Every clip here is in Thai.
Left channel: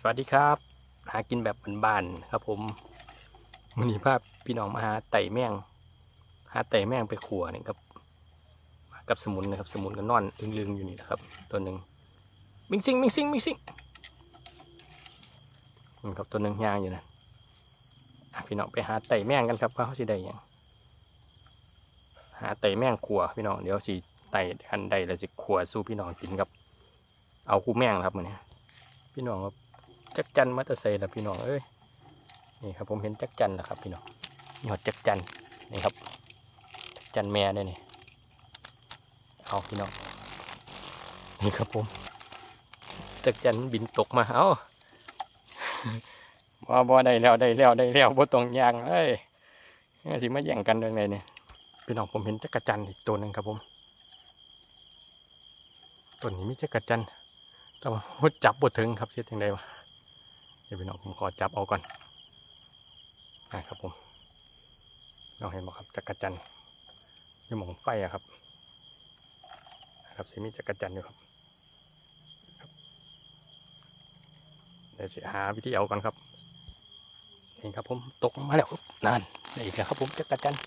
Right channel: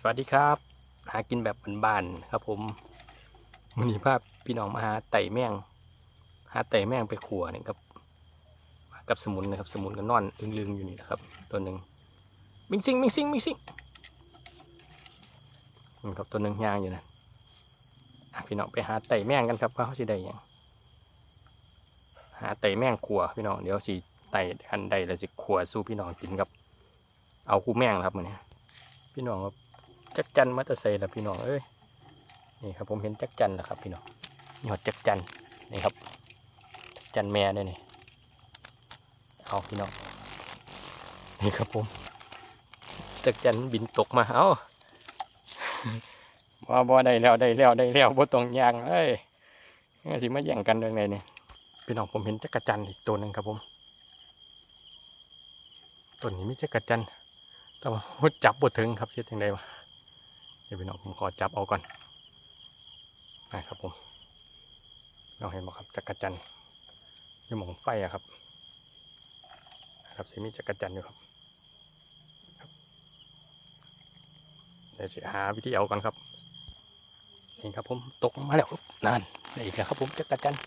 สวัสดีครับ หากินแบบบ้านๆครับ ผมวันนี้ภาพพี่น้องมาหาไต่แมงหาไต่แมงไปขัวนี่ครับมากับสมุนนะครับ สมุนก็นอนลึงๆอยู่นี่นะครับ ตัวหนึ่งมิงซิงมิงซิงมิงซิงนี่ครับตัวหนึ่งย่างอยู่นะพี่น้องไปหาไต่แมงกันครับว่าเขาสิได้ยังหาไต่แมงขัวพี่น้องเดี๋ยวสิไต่อันใดแล้วสิขัวสู้พี่น้องกินครับ เอาคู่แมงครับมันนี้พี่น้องครับ จักจันมาแตเซแล้วพี่น้องเอ้ยนี่ครับผมเห็นจักจันแล้วครับพี่น้องนี่หอดจักจันนี่ครับจักจันแม่เนี่ยนี่เอาพี่น้องนี่ครับผมจักจันบินตกมาเอาบ่บ่ได้แล้วได้แล้วได้แล้วบ่ต้องยางเอ้ยนสิมาแย่งกันเรื่องไหนเนี่ยพี่น้องผมเห็นจักจันอีกตัวหนึ่งครับผมตัวนี้มีจักจันแต่ว่าหัวจับบ่ถึงครับเสียจังไดวะ เดี๋ยวพี่น้องผมขอจับเอาก่อนนะครับผมเราเห็นบอกครับจักรจันทร์อยู่หมองไฟอะครับนะครับสีมีจักรจันอยู่ครับครับเดี๋ยวจะหาวิธีเอากันครับนี่ครับผมตกมาแล้วครับนั่นอีกแล้วครับผมจักรจันทร์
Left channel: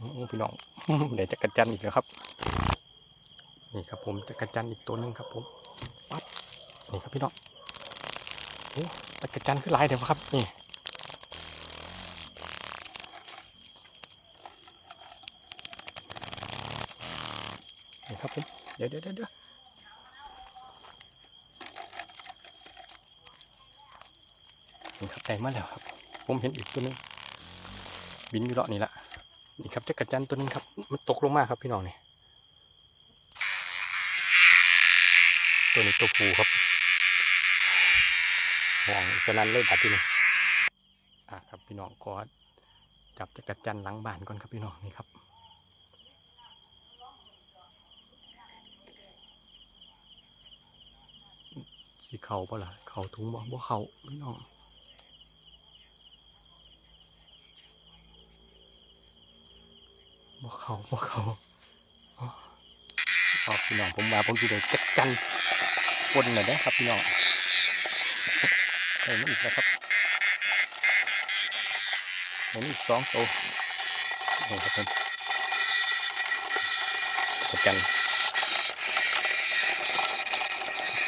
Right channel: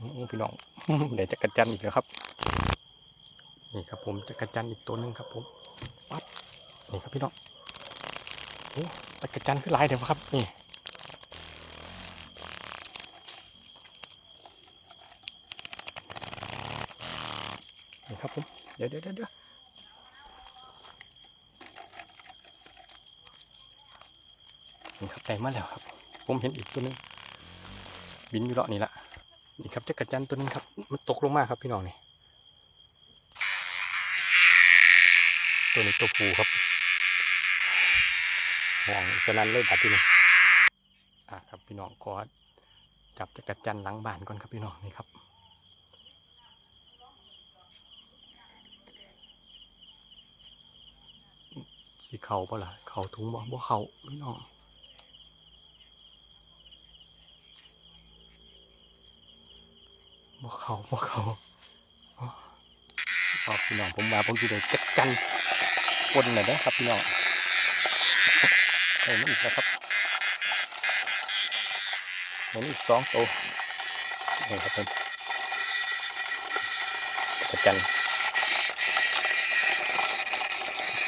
อื้อพี่น้องได้จักรจันอีกแล้วครับนี่ครับผมจักรจันอีกตัวหนึ่งครับผมปั๊บนี่ครับพี่น้อง โอ้ตะกระจันคือหลายเดี๋ยวครับ นี่นี่ครับผมเดี๋ยวเดี๋ยวเดี๋ยวเดี๋ยวนี่ครับได้มาแล้วครับ ผมเห็นอีกตัวนึง บินอยู่เลาะนี่ละนี่ครับตะกระจันตัวนึงครับ มันตกลงมาครับพี่น้องนี่ตัวนี้ตัวผูครับ ห่วงฉะนั้นเลยบัดที่นี่อะครับพี่น้องขอจับจักรจันหลังบ้านก่อนครับพี่น้องนี่ครับสีเขาปะล่ะเขาถุงบ่บ่เขาพี่น้องบ่เขาบ่เขาพี่น้องผมมาผมจะได้จักรจันคนหน่อยนะครับพี่น้อง เห็นอีกแล้วครับเห็นอีกสองตัวนี่ครับผมจักรจันทร์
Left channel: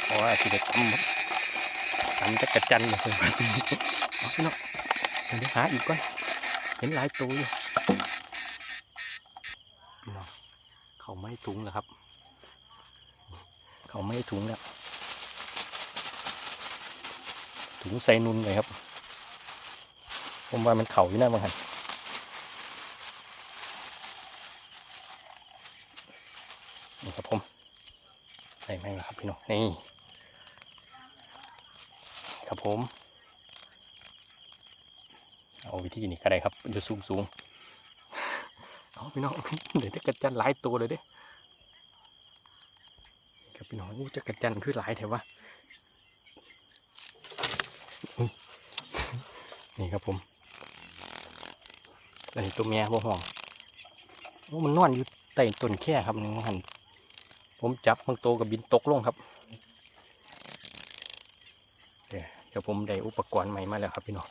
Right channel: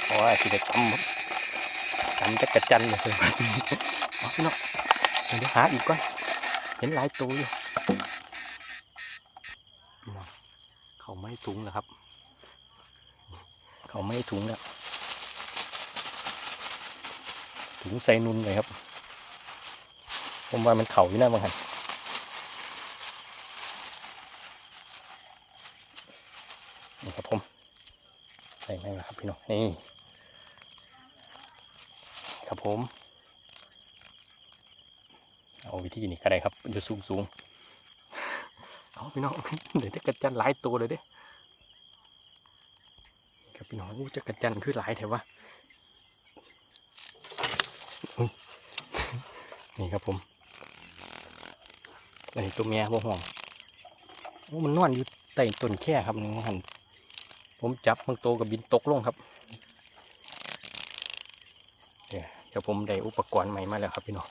เพราะว่าที่จะทำทำจักระจันเลยครับเอาพี่น้องเดี๋ยวหาอีกก่อนเห็นหลายตัวอยู่เขาไม่ถุงแล้วครับ เขาไม่ถุงแล้ว ถุงใส่นุนเลยครับ ผมว่ามันเข่าอยู่นะบางหันนี่ครับผมใส่ไหมล่ะครับพี่น้องนี่ครับผม เอาวิธีนี้ก็ได้ครับจะสูงสูงเอาพี่น้องเดี๋ยวจะกระจันหลายตัวเลยเด้ครับพี่น้องอู้จะกระจันคือหลายแถววะ นี่ครับผมอันนี้ตัวเมียบ่ห่วงโอ้มันนอนอยู่ใต้ต้นแค่ครับนึงหันผมจับบางตัวกับบินตกลงครับเดี๋ยวผมได้อุปกรณ์ใหม่มาแล้วครับพี่น้อง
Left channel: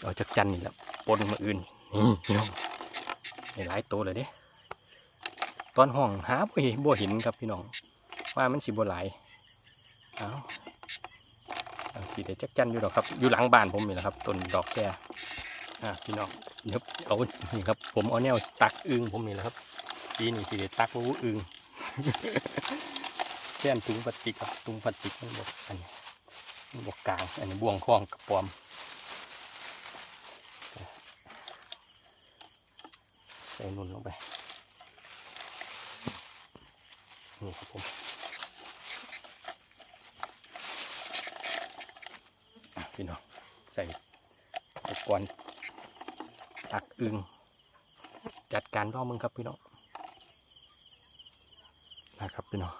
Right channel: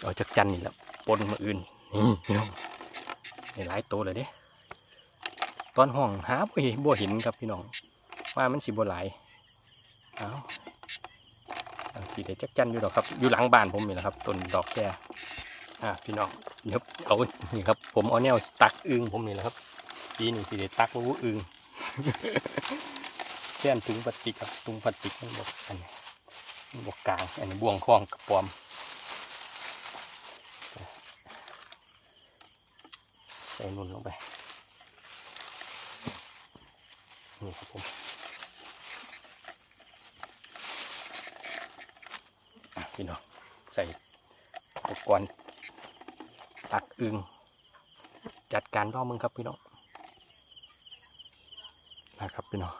เอาจากจันนี่แหละปนมาอื่นนี่พี่น้องหลายตัวเลยเด้ตอนห้องหาบ่เห็นบ่เห็นครับพี่น้องว่ามันสิบ่หลายเอาอ่า สีเดจักจันอยู่หรอกครับ อยู่หลังบ้านผมนี่แหละครับต้นดอกแค่อ่าพี่น้องเดี๋ยวเอานี่ครับ ผมเอาแนวตักอึงผมนี่แหละครับทีนี่สีเดตักวูอึงแค่นถุงพลาสติกครับถุงพลาสติกมันบอกอันนี้บอกกลางอันนี้บ่วงคล้องกระปอมใส่นุ่นลงไปนี่ครับผม อะพี่น้องใส่ อุปกรณ์ตักอึงจัดการร่อมึงครับพี่น้องนะครับพี่น้อง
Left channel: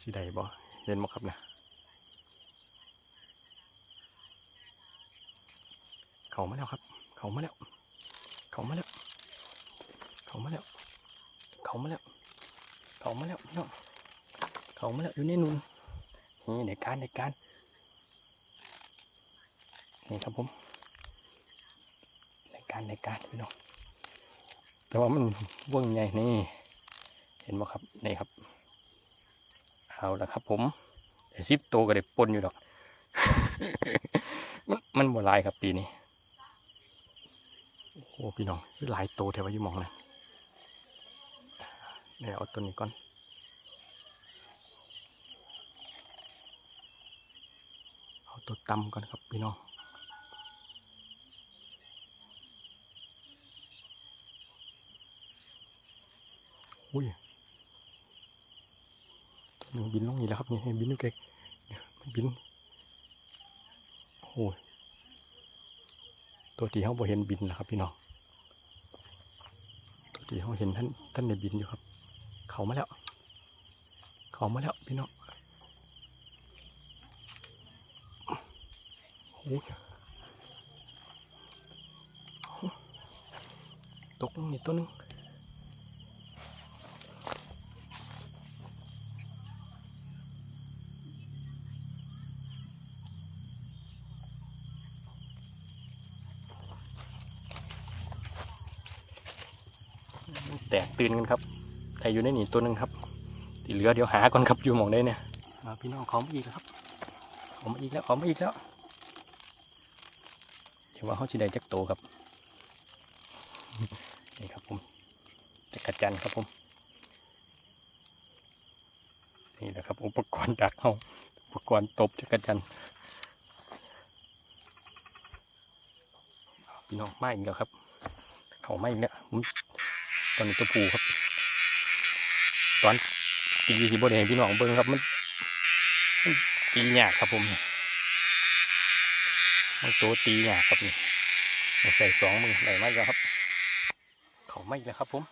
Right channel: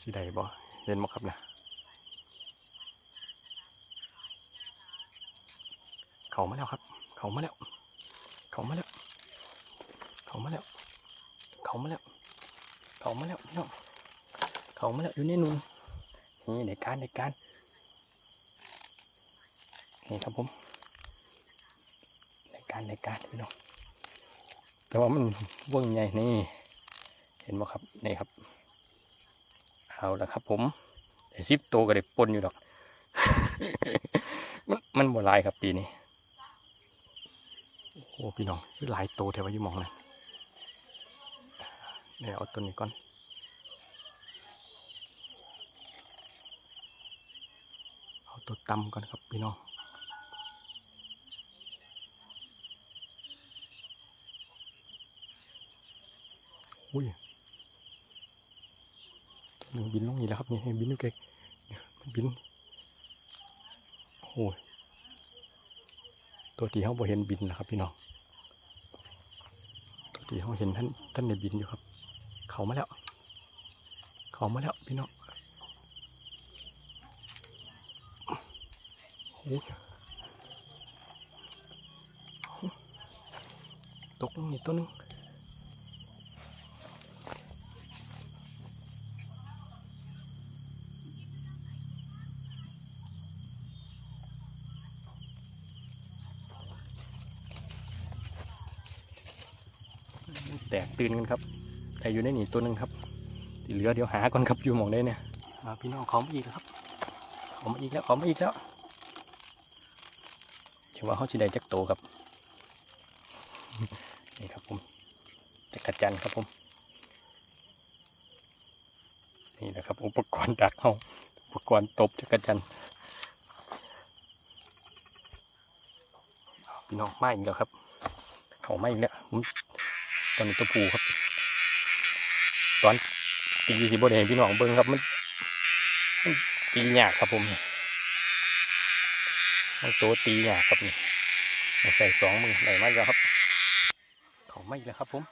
สีใดบ่เห็นบ่ครับนะเขามาแล้วครับ เขามาแล้ว เขามาแล้ว เขามาแล้ว เขามาแล้ว เขามาแล้วพี่น้องเขามาแล้วอยู่ในนุ่นนี่ในการในการ นี่ครับผมในการในการพี่น้องแต่ว่ามันว่งใหญ่นี่ เห็นไหมครับนี่ครับ เอาละครับ ผมแต่ซิปโตก็ได้ปนอยู่ดอก มันมันบ่ลายครับปีนี้โอ้โหพี่น้องคือหลายโตแถวว่ายู่หมองนะเดี๋ยวเอาตัวนี้ก่อนเอาตัวตำก่อนครับพี่น้อง อุ้ยตัวหนึ่งบินลงนี่แล้วครับนี่ให้บินอยู่ไกลมันบินโอ้ยตัวที่เขาบ่เห็นบินนะครับ พี่น้องตัวที่เขาเห็นท่านท่านในบินอยู่ครับ เขามาแล้ว เขามาแล้วพี่น้องโอ้ยตกงนี่ตัวหนึง ตกตื่นกันครับแต่อยู่ในนี่ตัวหนึ่งครับที่เหลือเดี๋ยวหาก่อนครับอยู่หมองได้เนี่ยพี่น้องขอมาอีกแล้วครับขอมาอีกแล้วขอมาอีกแล้วเดี๋ยวว่าเขาจะได้จักโตครับนี่ครับผมจักรจันครับผมนี่แหละครับ อุปกรณ์ดักเขาอุปกรณ์ตบจักรจันพี่น้องมาอีกแล้วครับเขามาอีกแล้วผม ตอนนี้ตัวผูครับ ตอนตีสิบนเห็นพี่น้องเบิ้งครับมันตีหยากครับผมมันตัวตีหยากครับนี่ใส่สองมือไหลมาแล้วครับ เขาไม่แล้วครับผม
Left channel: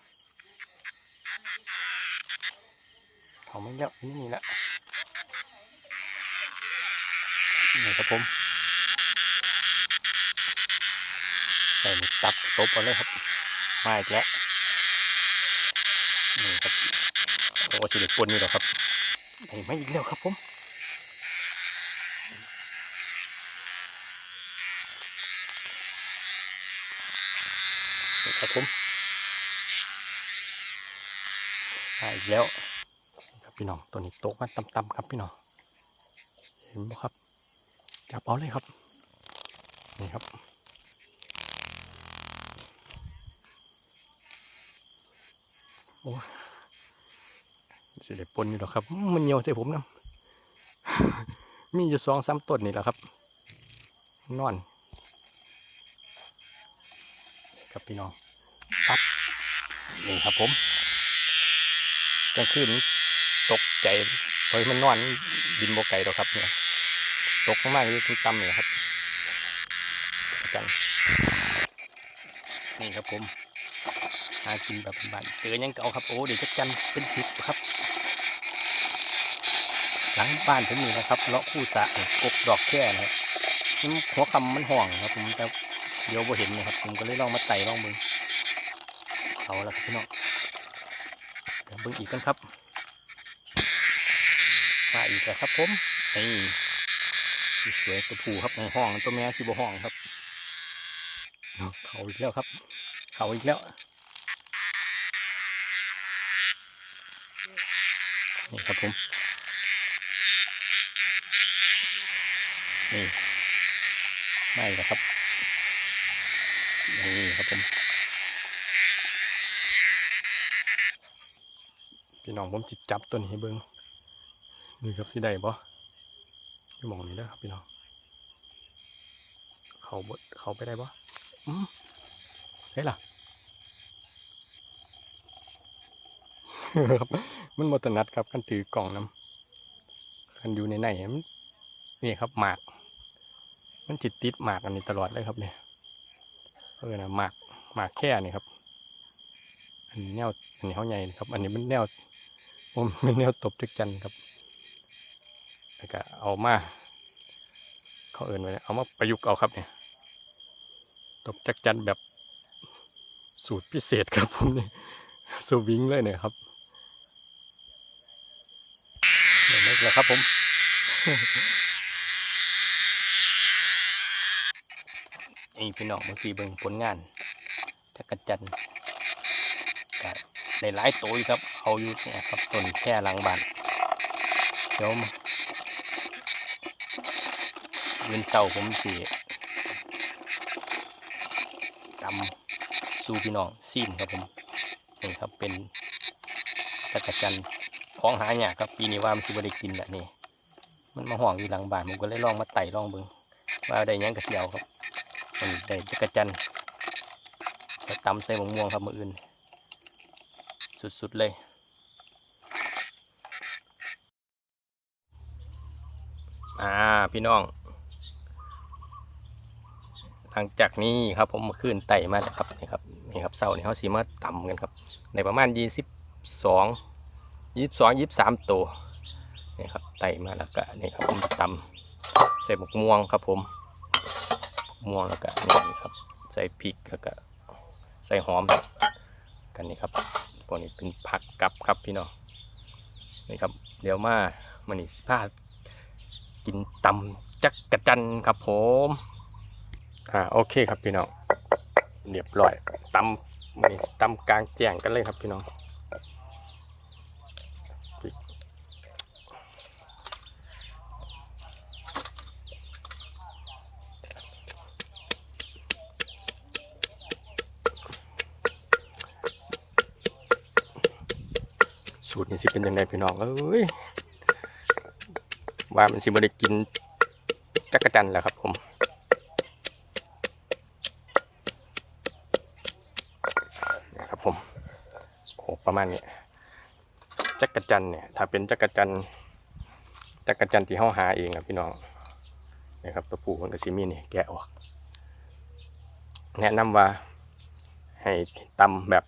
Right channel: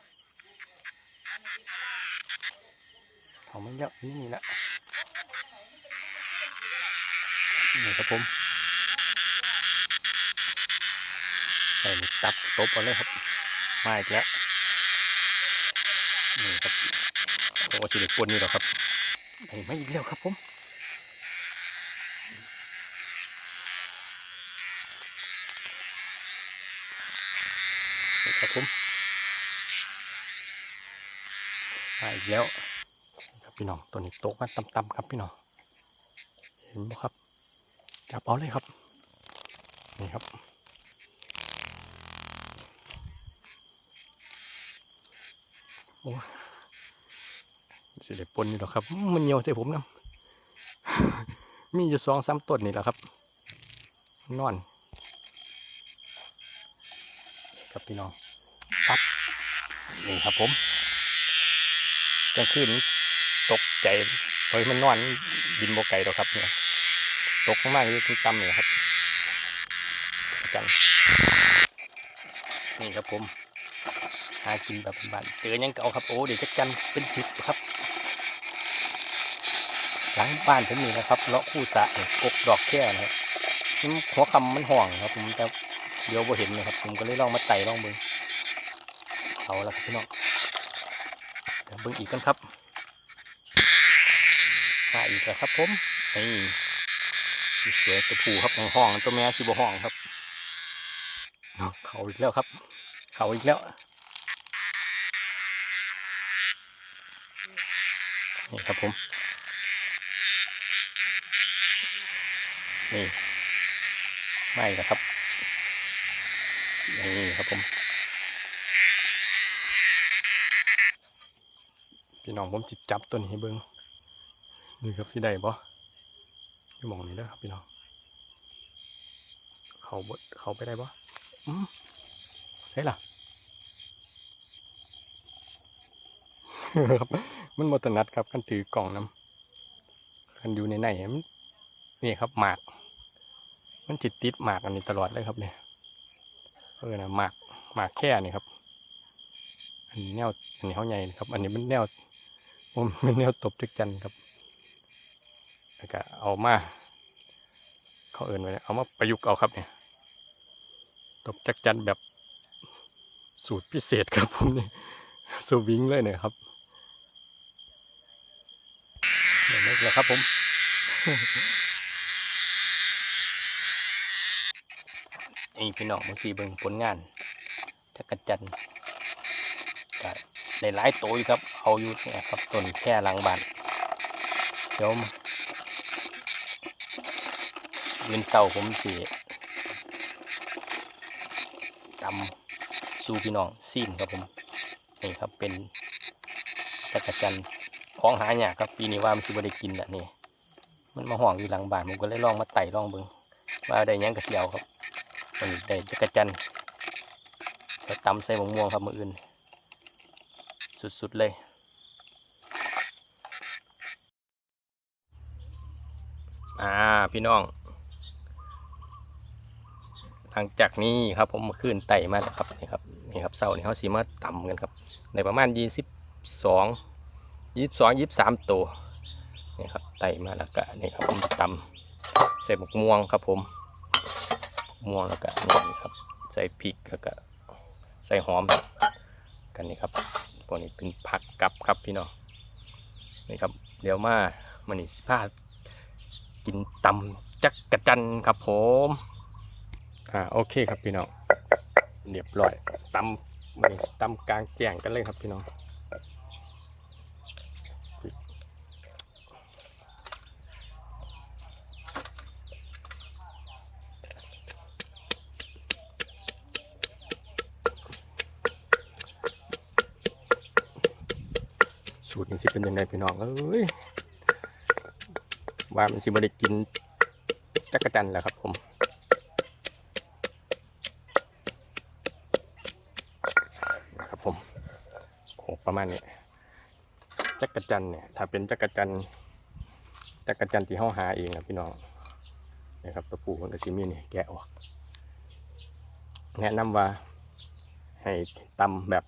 เขาไม่แล้วนี่นี่แหละนี่ครับผมใส่ตับตบเอาเลยครับมาอีกแล้ว นี่ครับโอ้สิเด็กปนนี่หรอครับไอ้ไม่อีกแล้วครับผมครับผมมาอีกแล้วครับพี่น้องตัวนี้โตมาต่ำๆครับพี่น้องเห็นไหมครับจับเอาเลยครับนี่ครับ โอ้สิได้ปนอยู่หรอครับ มันเหนียวใส่ผมนะมีอยู่สองสามต้นนี่แหละครับ นอน ครับพี่น้องปั๊บนี่ครับผมกลางคืนตกใจเพราะมันนอนบินโบไก่หรอครับเนี่ยตกมากๆที่ต่ำเนี่ยครับจังนี่ครับผม หากินแบบบ้านๆเจอยังเก่าครับโอ้เดี๋ยวจะกันเป็นสิบครับ หลังบ้านผมนี่นะครับเลาะคู่สะกบดอกแค่นะครับหัวคำมันห่วงครับ ผมแต่เดี๋ยวบ่เห็นนะครับ ผมก็เลยลองมาไต่ลองเบิ่งเอาละครับพี่น้องเดี๋ยวบิ่งอีกกันครับมาอีกแล้วครับผมนี่สวยตัวผูครับในห้องตัวแม่ชิบห้องครับ เขาอีกแล้วครับ เขาอีกแล้ว นี่ครับผม นี่ไม่แล้วครับ นี่ครับผม พี่น้องผมจิตจับตัวนี้ให้เบิ้งนี่ครับสิได้ปะที่มองนี่เด้อครับพี่น้อง เขาบดเขาไปได้ปะอืมเฮ้ยล่ะครับ มันมตนัดครับกันถือกล่องน้ำกันอยู่ในในมันนี่ครับหมาก มันจิตติดหมากอันนี้ตลอดเลยครับเนี่ยเออนะหมากหมากแค่นี่ครับ อันนี้แนวอันนี้เขาใหญ่ครับ อันนี้มันแนวผมเป็นแนวตบจักจันครับแล้วก็เอามาเขาเอินไว้เลยเอามาประยุกต์เอาครับเนี่ยตบจักจันแบบสูตรพิเศษครับผมนี่สวิงเลยเนี่ยครับ เดี๋ยวนี้แหละครับผมนี่พี่น้องเมื่อกี้เบิ่งผลงานจักรจันทร์ก็ได้หลายตัวอยู่ครับ เอาอยู่เนี่ยครับต้นแค่หลังบ้านเดี๋ยวมายืนเสาผมสีตำสู่พี่น้องซีมครับผมนี่ครับเป็นจักรจันทร์ ของหายากครับปีนี้ว่ามันสิบ่ได้กินแบบนี้มันมาห่วงอยู่หลังบ้านผมก็เลยลองมาไต่ลองเบิ่งว่าได้ยังกระเสียวครับมันได้จักระจันทร์จะตำใส่มะม่วงครับมืออื่น สุดๆเลย อ่าพี่น้อง หลังจากนี้ครับผมมาขึ้นไต่มาแล้วครับนี่ครับนี่ครับเสานี่เขาสีมาต่ำกันครับในประมาณยี่สิบสอง ยี่สิบสองยี่สิบสามตัวนี่ครับไต่มาแล้วก็นี่ครับผมตำใส่หมกม่วงครับผมม่วงแล้วก็นี่ครับ ใส่พริกแล้วก็ใส่หอมกันนี่ครับพวกนี้เป็นผักกับครับพี่น้องนี่ครับ เดี๋ยวมามันนี่สิพากินตำจักกระจันครับผมอ่าโอเคครับพี่น้องเรียบร้อยตำมันนี่ตำกลางแจ้งกันเลยครับพี่น้อง สิเป็นยังไงพี่น้องเอ้ยว่ามันสิบ่ได้กินจักรจันทร์แล้วครับผมนะครับผมโขกประมาณนี้จักรจันเนี่ยถ้าเป็นจักรจันจักรจันทร์ที่เขาหาเองครับพี่น้องนะครับตัวปูมันก็ซิมีเนี่ยแกะออก แนะนำว่าให้ตำแบบ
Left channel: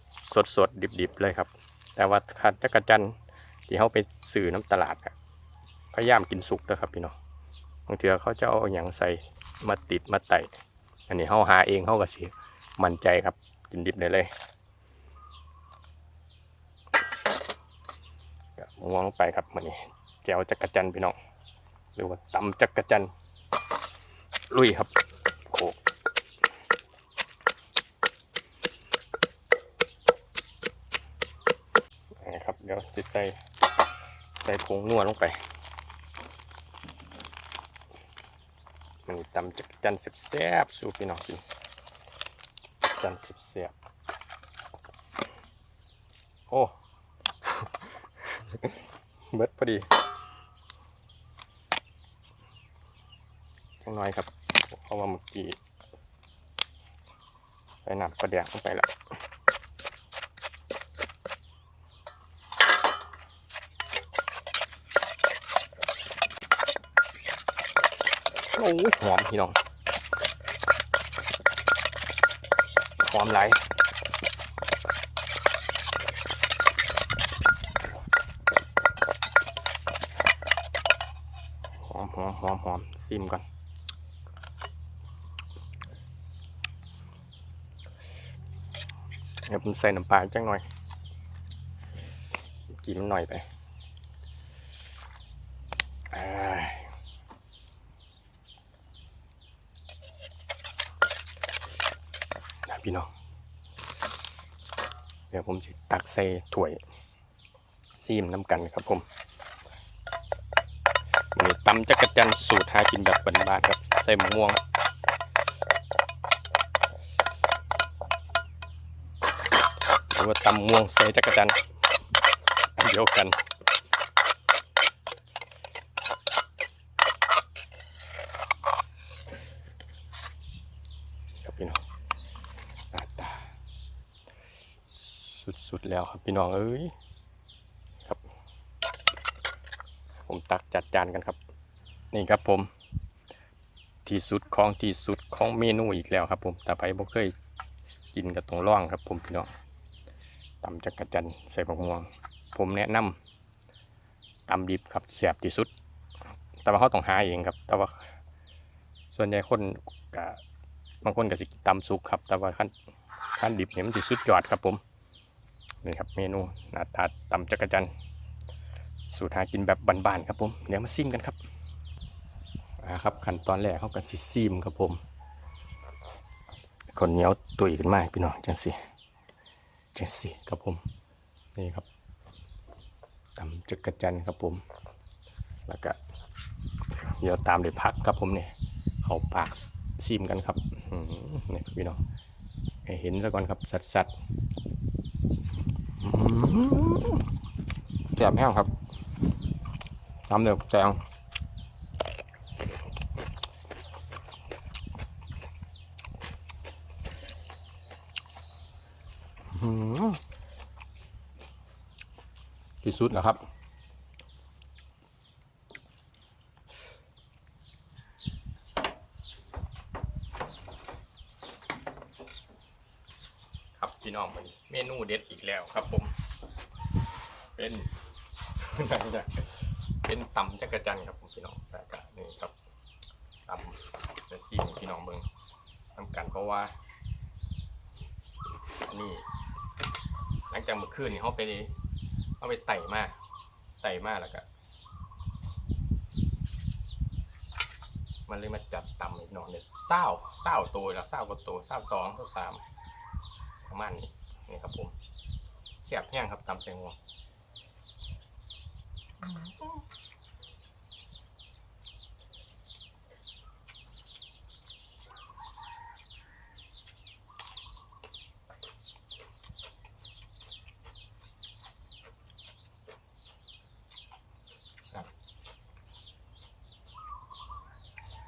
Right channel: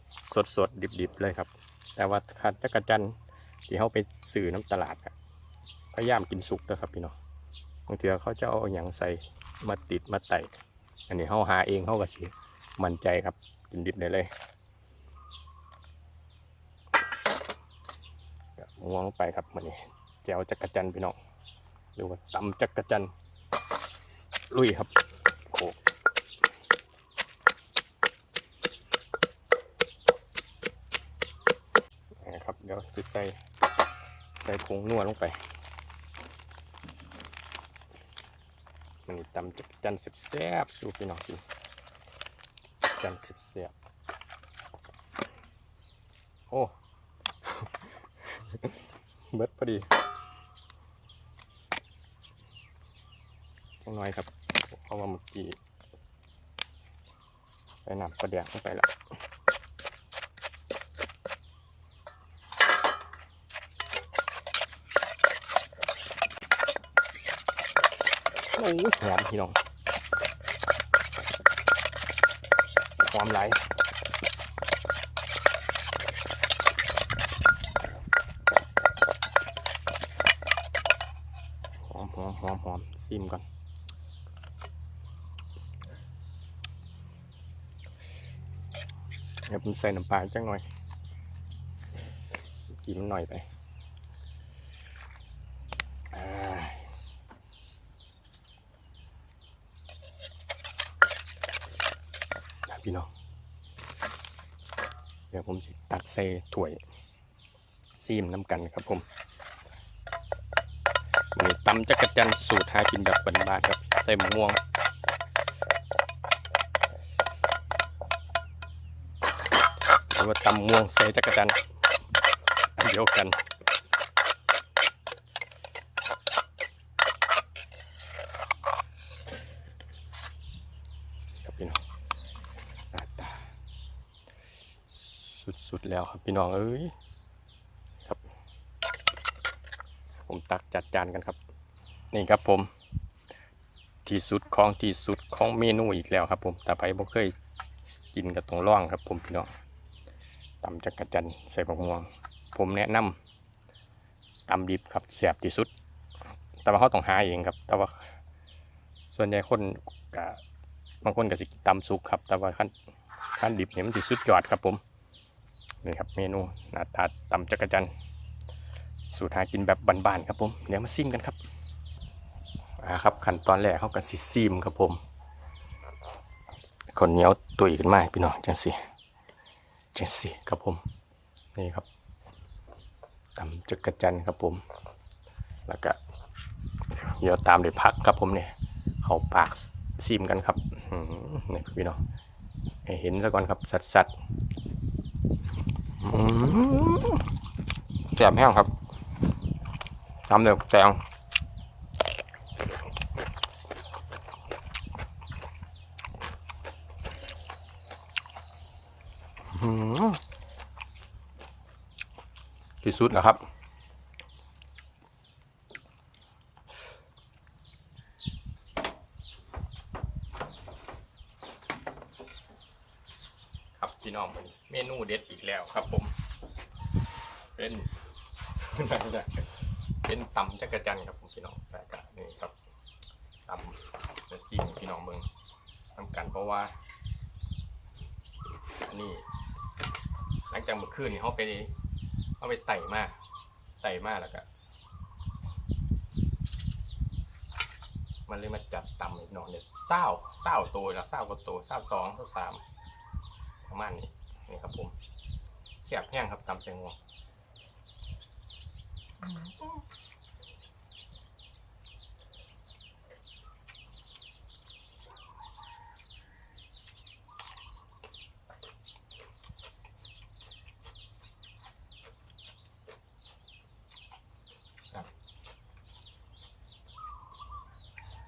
สดๆดิบๆเลยครับ แต่ว่าถ้าจักรจันทร์ ที่เขาไปสื่อน้ำตลาดอะพยายามกินสุกนะครับพี่น้องบางทีเขาจะเอาอย่างใส่มาติดมาไต่อันนี้เขาหาเองเขาก็สิมั่นใจครับกินดิบได้เลยมวงลงไปครับมันนี่แจวจักรจันพี่น้องหรือว่าตำจักรจันลุยครับโอ้นะครับเดี๋ยวจะใส่ ใส่ผงนัวลงไปมันตำจักจันทร์แซบสู้พี่น้องกินจันทร์แซบโอ้เบิดพอดีจังน้อยครับเพราะว่าเมื่อกี้ใส่น้ำกระเดียงลงไปแล้วโอ้ย หอมพี่น้องหอมไหลหอมหอมหอมหอมซิมก่อนเดี๋ยวผมใส่น้ำปลาจังหน่อยกินมันหน่อยไปอ่านะ พี่น้องเดี๋ยวผมจะตักใส่ถ้วยซีมน้ำกันครับผมนี่ตำจักรจันสูตรหากินแบบบ้านๆครับ ใส่หมูม่วงหรือว่าตำม่วงใส่จักรจันทร์อันเดียวกันครับพี่น้องหน้าตาสุดๆ แล้วครับพี่น้องเอ้ยครับ ผมตักจัดจานกันครับ นี่ครับผม ที่สุดของที่สุดของเมนูอีกแล้วครับ ผมแต่ไปบ่เคยกินกับตรงร่องครับ ผมพี่น้องตำจักรจันใส่ผักม่วง ผมแนะนำตำดิบครับแสบที่สุด แต่ว่าเขาต้องหาเองครับ แต่ว่า ส่วนใหญ่คนกะบางคนก็สิตำสุกครับ แต่ว่าขั้นขั้นดิบเนี่ยมันสิสุดยอดครับผม นี่ครับเมนูหน้าตาตำจักรจันสูตรหากินแบบบานๆครับผมเดี๋ยวมาซิมกันครับนะครับขั้นตอนแรกเขาก็สิซีมครับผมคนเหนียวตุยขึ้นมาให้พี่น้องจังสิจังสิครับผมนี่ครับตำจักรจันครับผม แล้วก็เดี๋ยวตามด้วยผักครับผมเนี่ยเขาปากซีมกันครับนี่พี่น้องเห็นซะก่อนครับสัดๆอืม แซ่บแห้งครับทำเดือแตงอืมที่สุดแล้วครับพี่น้องวันนี้เมนูเด็ดอีกแล้วครับผม เป็น เป็นตำจักรจันทร์ ครับผมพี่น้องแต่กะนี่ครับตำจะซีมพี่น้องเมืองทำกันเพราะว่า อันนี้ หลังจากเมื่อคืนนี่เขาไปเขาไปไต่มาไต่มาแล้วก็มันเลยมาจับต่ำอีกหน่อยเนี่ยเศร้าเศร้าตัวแล้วเศร้ากว่าตัวเศร้าสองเศร้าสามประมาณนี้นี่ครับผมเสียบแห้งครับตำเสียงวง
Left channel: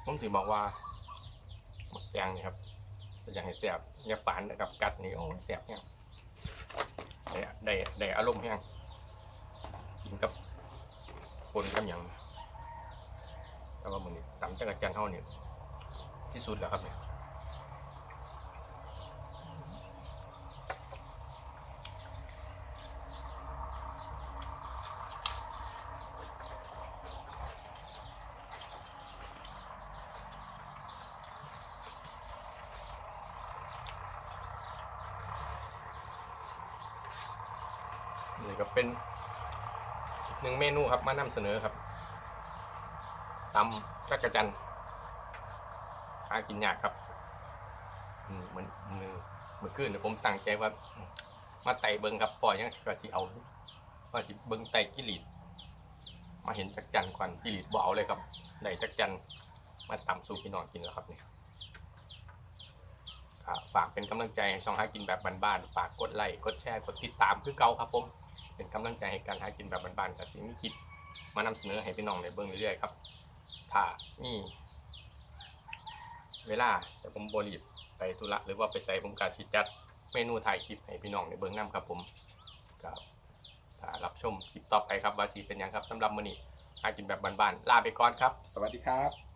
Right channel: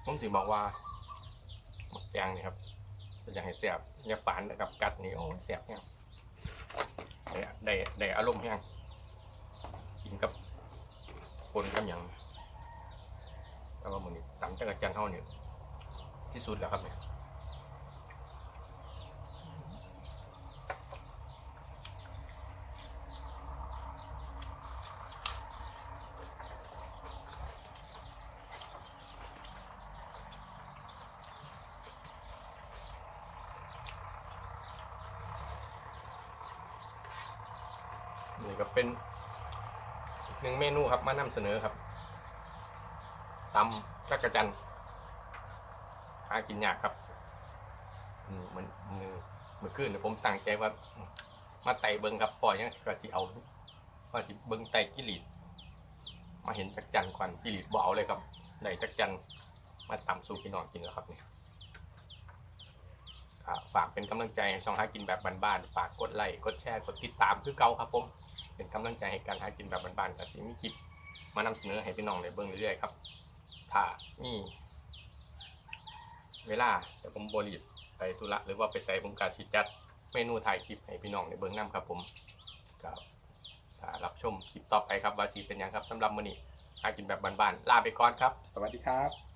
ผมถึงบอกว่าหมักยางนี่ครับอย่างให้เสียบอย่าฝันกับกัดนี่โอ้เสียบเนี่ยได้ได้ได้อารมณ์แห้งกินกับคนกับอย่างแต่ว่ามันนี่ตำจักรจันเท่านี่ที่สุดแล้วครับเนี่ย นี่ก็เป็นอีกหนึ่งเมนูครับมานำเสนอครับตำจักระจันหากินยากครับมเหมือนมือเมื่อคืนเนี่ยผมตั้งใจว่า มาไต่เบิงครับปล่อยยังสิกสิเอาว่าสิเบิงไต่กิริดมาเห็นจักรจันควันกิริดบ่เอาเลยครับได้จักรจันมาตำสู่พี่น้องกินแล้วครับเนี่ยฝากเป็นกำลังใจให้ช่องหากินแบบบ้านๆฝากกดไลค์กดแชร์กดติดตามคือเก่าครับผม เป็นกำลังใจให้การหากินแบบบ้านๆกับสิ่งมีคลิปมานำเสนอให้พี่น้องในเบื้องเรื่อยๆครับ ถ้ามีเวลาแต่ผมบริบไปธุระหรือว่าไปใส่ผมกาสิจัดเมนูถ่ายคลิปให้พี่น้องในเบื้องน้ำครับผมกับถ้ารับชมคลิปต่อไปครับว่าสีเป็นหยังครับสำหรับมื้อนี้หากินแบบบ้านๆลาไปก่อนครับ สวัสดีครับ